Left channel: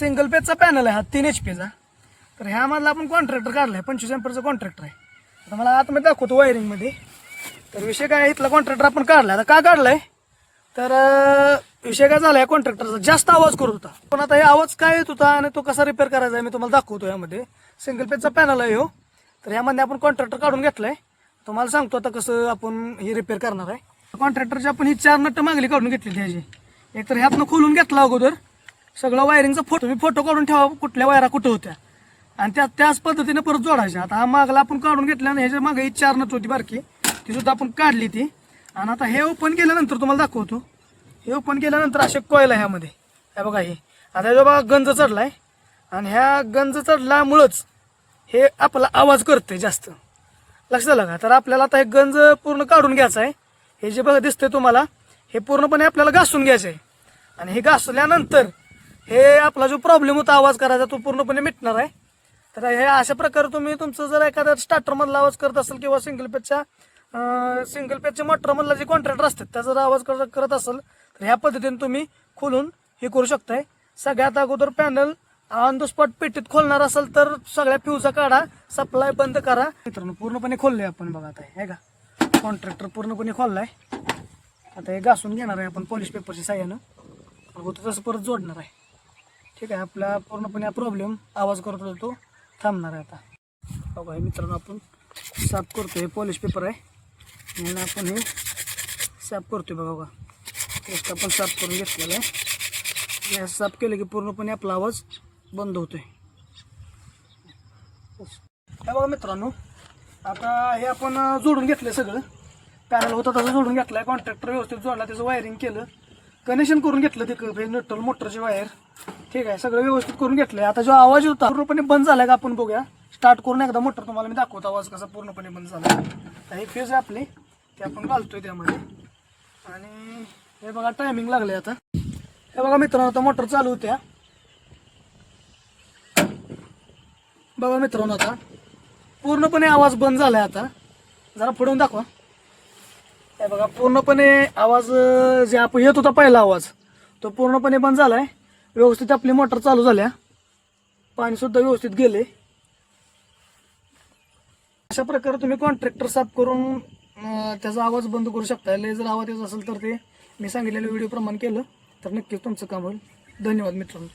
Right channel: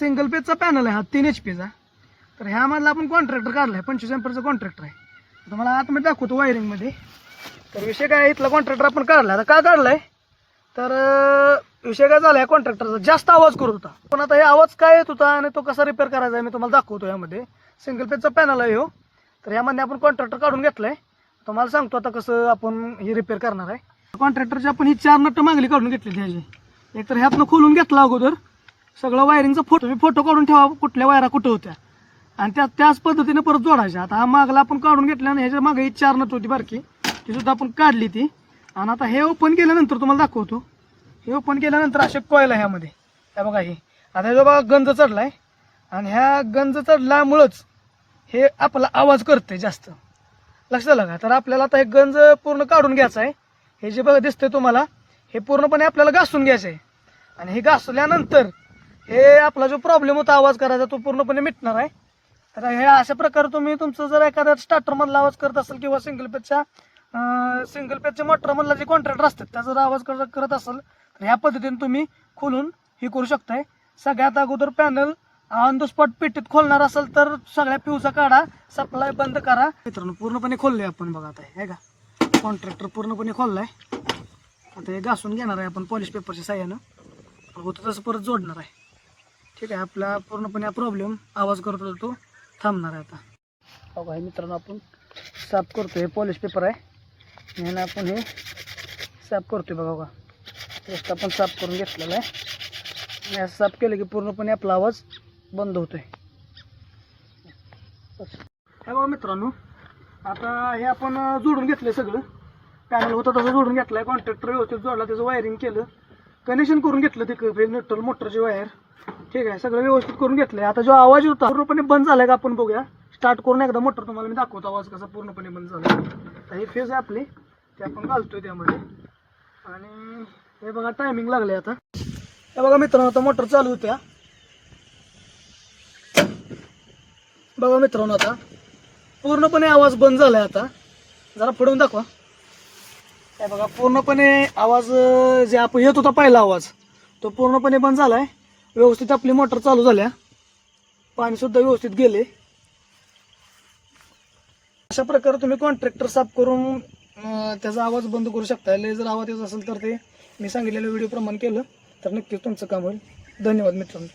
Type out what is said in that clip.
Single पेजचा panel आहे हा 3 HP चा. तर ह्यामधला आपण कॉन्ट्रॅक्टर काढलाय 25 एम्परचा कॉन्ट्रॅक्टर आहे. आता मला आतमध्ये दाखवतो वायरिंगमध्ये. तर विषय काय आहे, इथला कॉन्ट्रॅक्टर आपण काढला. आता का काढलाय तर विषय काय झालाय, कॉन्ट्रॅक्टरचा जास्त आवाज करत होता. पण आता हे आवाज काय येत होता आणि तो कसा रिपेअर करायचा आहे मी तुम्हाला दाखवतो. यामध्ये सिंगल पेजचा पॅनल आहे हो. तर यामध्ये आपण कॉन्ट्रॅक्टर काढून घेतलाय. तुम्हाला सांगतो आता कसं आपण हे रिपेअर करणार आहे. कॉन्ट्रॅक्टरची आपण ही 4 नट मागली काढून घेतली त्याची. एकतर ह्यातनं खोलून घेतला अगोदर सगळं वायरिंगचा फोटो काढून ठेवा कुठल्या वायरा कुठे होत्या आणि त्याच पद्धतीने परत जोडायच्या. आता हा मागला आपण काढून घेतला आणि ह्याच्या मागे ही 4 नट होती बारकी, ती सुद्धा आपण काढली ती. आणि आता हे ओपन केल्यानंतर तुम्हाला दाखवतो. हे ओपन केल्यानंतर असे कॉईल आहे ह्यामध्ये. हे बघा, हे आता हे बघा गंज चढलाय आणि ह्या गंज चढल्यामुळंच हे आपला आवाज करते जास्त. लक्षात आलं का? तर आपल्याला आता हे गंज पूर्ण काढून घ्यायचं आहे. हे जे बघा दिसतंय तुम्हाला, हे पूर्णपणे आपल्याला घासून घ्यायचं आहे. आणि हे घासल्यानंतर हे आपला जो प्रॉब्लेम होता आवाज करायचा तो पूर्णपणे मिटणार आहे. तर हे अशा प्रकारे तुम्ही तुमचं जर एखादा स्टार्टर मधला आवाज करत असेल किंवा सिंगल पेजच्या मोटर मधला जे कॉन्ट्रॅक्टर असतात त्याचा जर आवाज करत असेल तर ह्या पद्धतीने तुम्ही खोलून हे करू शकताय. सगळ्यात अगोदर पॅनल ऑन द स्पॉट पेटीत खोलणार असेल तर सगळ्या फ्यूजचा काढा, सप्लाय बंद करा. मित्रांनो पूर्णपणे खोलले आपण बघा. आता हे का कॉन्ट्रॅक्टर पूर्णपणे खोललाय. आता हे घासून घेणार आहे आपण पॉलिश पेपरच्या साह्यानं. होतं तसं परत जोडणार आहे. ठीक आहे, आपला पूर्णपणे हा प्रॉब्लेम आवाज करत होता तो थांबणार आहे. आता बघा हे मित्रांनो आपण साफ करतोय. पॉलिश पेपर आहे म्हणून आपण हे साफ करतोय. बघा पेस्ट आपण साफ करून घेतलेला आहे. हे साफ केलं की पूर्णपणे आपला आवाज बंद होतोय. हे बघा मित्रांनो, आता हे आपण जोडून घेतलंय सगळं. पॅनल होतं तसं जोडून घेतलंय. कॉन्ट्रॅक्टर व्यवस्थित जोडला, त्याचं वायरिंग केलं, कनेक्शन करून घेतलं ते नटल मोटरची वायर. ठीक आहे, सगळं व्यवस्थित करून घेतलंय. आता जो आवाज होता पूर्णपणे बंद झालाय का आपण बघूया. स्टार्ट करून एकदा मोटर तुम्हाला मी दाखवतो आवाज कसा पूर्णपणे बंद झाला. हे फेज आहे आपली, ते आपण घालतोय त्यामध्ये. आणि हे बघा टायमिंग लागले. आता हे बघा मित्रांनो, आता मोटर चालू होत्या. बघा मित्रांनो, आता पूर्णपणे आवाज बंद झालाय. आता जरा पुढून दाखवा. हे बघा पूर्णपणे आवाज जे आपण येत होता पहिला आवाज तो पूर्णपणे बंद झालाय. व्यवस्थित आपली मोटर चालू झाल्या, पाणी सुद्धा व्यवस्थित गेले. अशा प्रकारे तुम्ही कॉन्ट्रॅक्टर साफ करून त्याचा आवाज बंद करू शकता. लय जर आवाज येत असेल तर ते मी सांगितलेल्या व्हिडिओ प्रमाणे केलं तर नक्कीच तुमचं काम होईल. धन्यवाद मित्रांनो.